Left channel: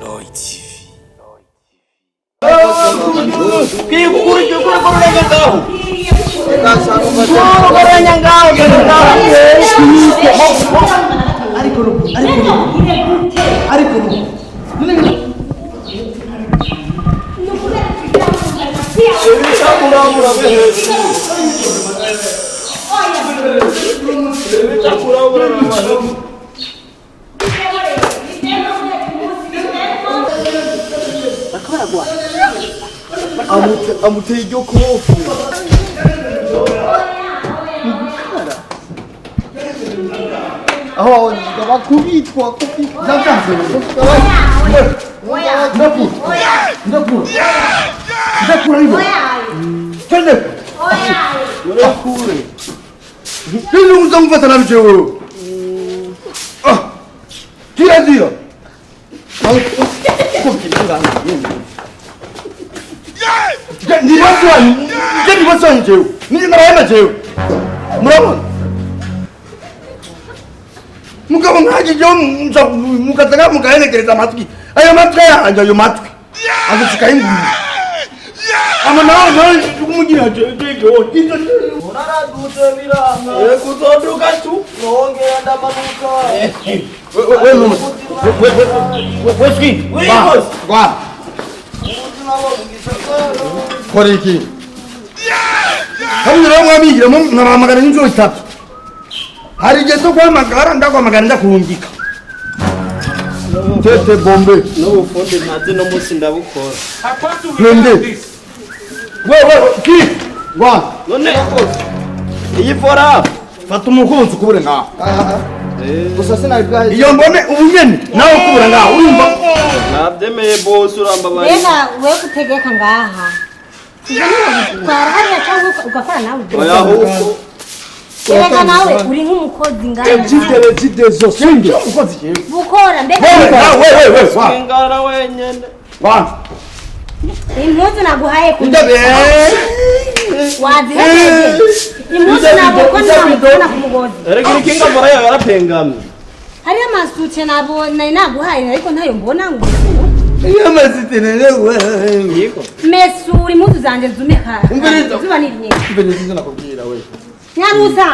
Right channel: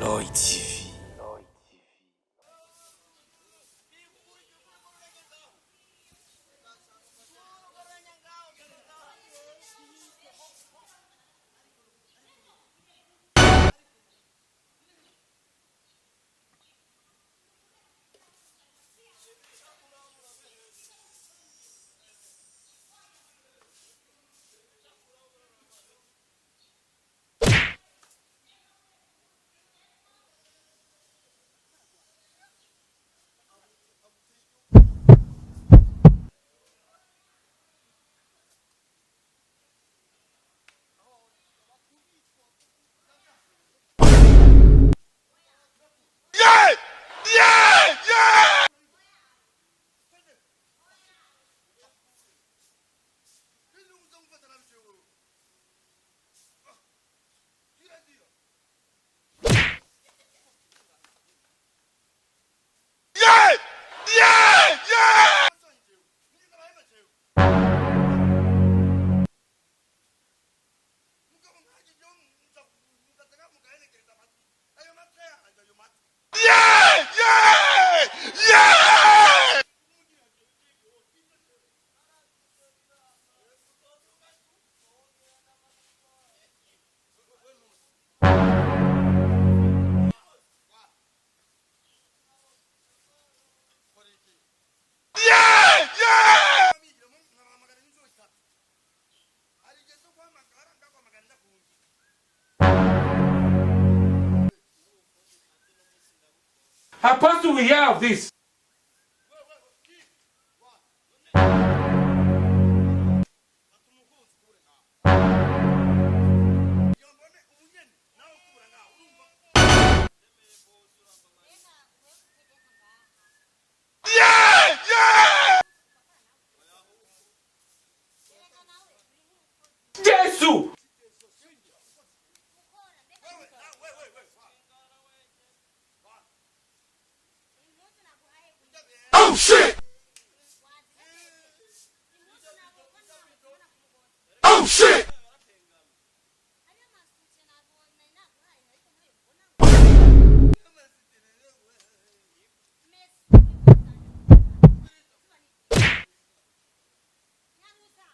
Royi TV. amuteye iryo kofu aho bakubitwa mugabo nkaje jo mukataka mukaelekereza matwi ayo matwi yanje ayo matwi agusika ingu ama nawe kumugira jo urara dusebiranga kuzoduka tu nongera ndamanuka we koriki hari ramwamigira naramagana n'inzo itatu hari gezo kwamagara ndakwamagara ndakuhungika tete bombe no bufonde ntaze no musi ndabukora Apart we have this. ki wa none iyi fora fata umukunzi kubure nga gusa sinabwaye iyo mbone ubunyene nawe kubura nga urumva nabyemeye boss uramba bari reka we kutegeka ngaha ugakora nawe oya huko reka nawe uri nk'umukozi ngaha kidezo singe ukozi je bukora mbega we ngara wenyene wa impuzu naguhaye ndabe waziheze impuzu nabona kumugozi erega ikinga mbora yawe yarapengamye hari amasuce nabona naguhaye ariko ntayo mbona ngo yamazitene we yiko mesuri impuzu zanje zumeka zuba ni nyinshi mbere nakubwira we nyarusa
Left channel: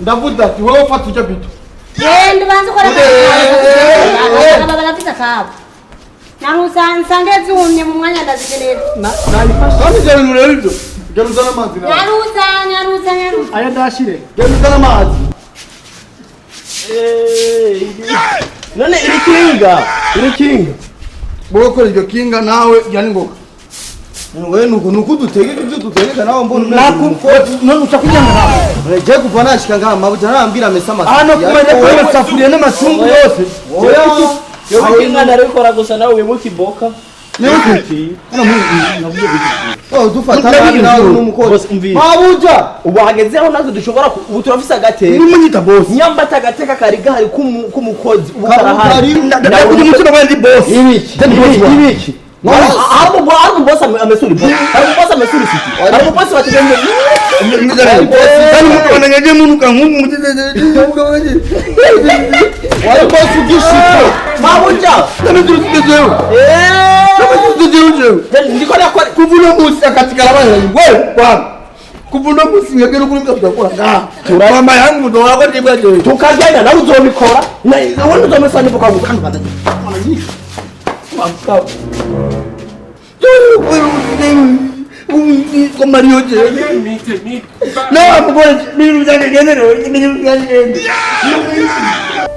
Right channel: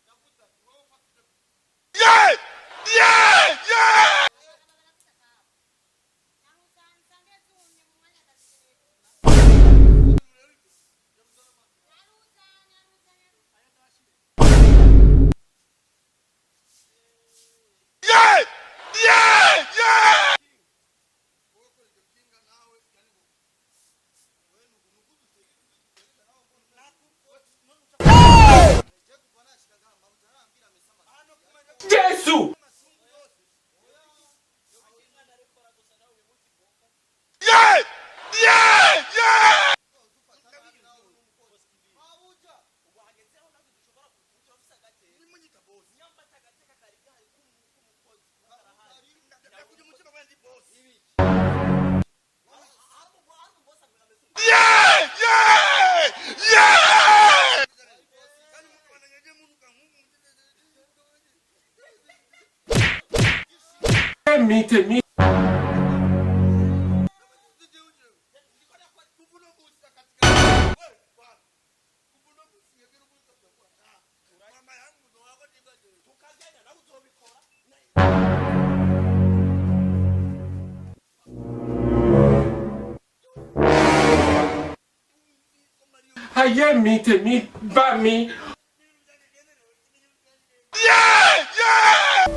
ndavuga ati wowe ufata icyo bito ndi banze kora aba barafite akabo nyarusa nsangeze umye mu mwanya ndazikenera nani je muri ibyo geruzana amazi nyarusa aya ndashire geruzana amazi none irikinga bokora iryo kinga nawe yani ngoka we nuko dutegeka ibyo dutegeka nawe mbona nakuko none utakuja je kuva nashika ngaha mabuja narambira mesa amazi ano kumenya ko yasafuriye n'amacungu yose yo ikinga narikora gusa nawe wimuka iboka dufata nawe n'umukozi mabuja ubu hagezeho nazo dushobora ubu turafise agateka n'umunyita boss nyambata agateka kari gahari k'umukozi ubu karahari ndakugira umutima wandi boss ibiki Harbo boss amesuri siti. Harbo boss wategenge. Dani mukona ngeje munuka ngungu muteze. Wale boss ugishite. Mabuja. Dani tuzeyo. Dani tuzeyo. Dani ndikora kwa kuvuna musi katika abana. Wewe kwa kuvuna musi ngekero kuri mutwe kwa nga. Turama yangu ndo wako ndibwaje. Tukajana na uzobikora. Na wowe uzomesanye kwa gukanda. Como Mario je. Aye me. Não, agora menino já ganhando, menino já ganhando.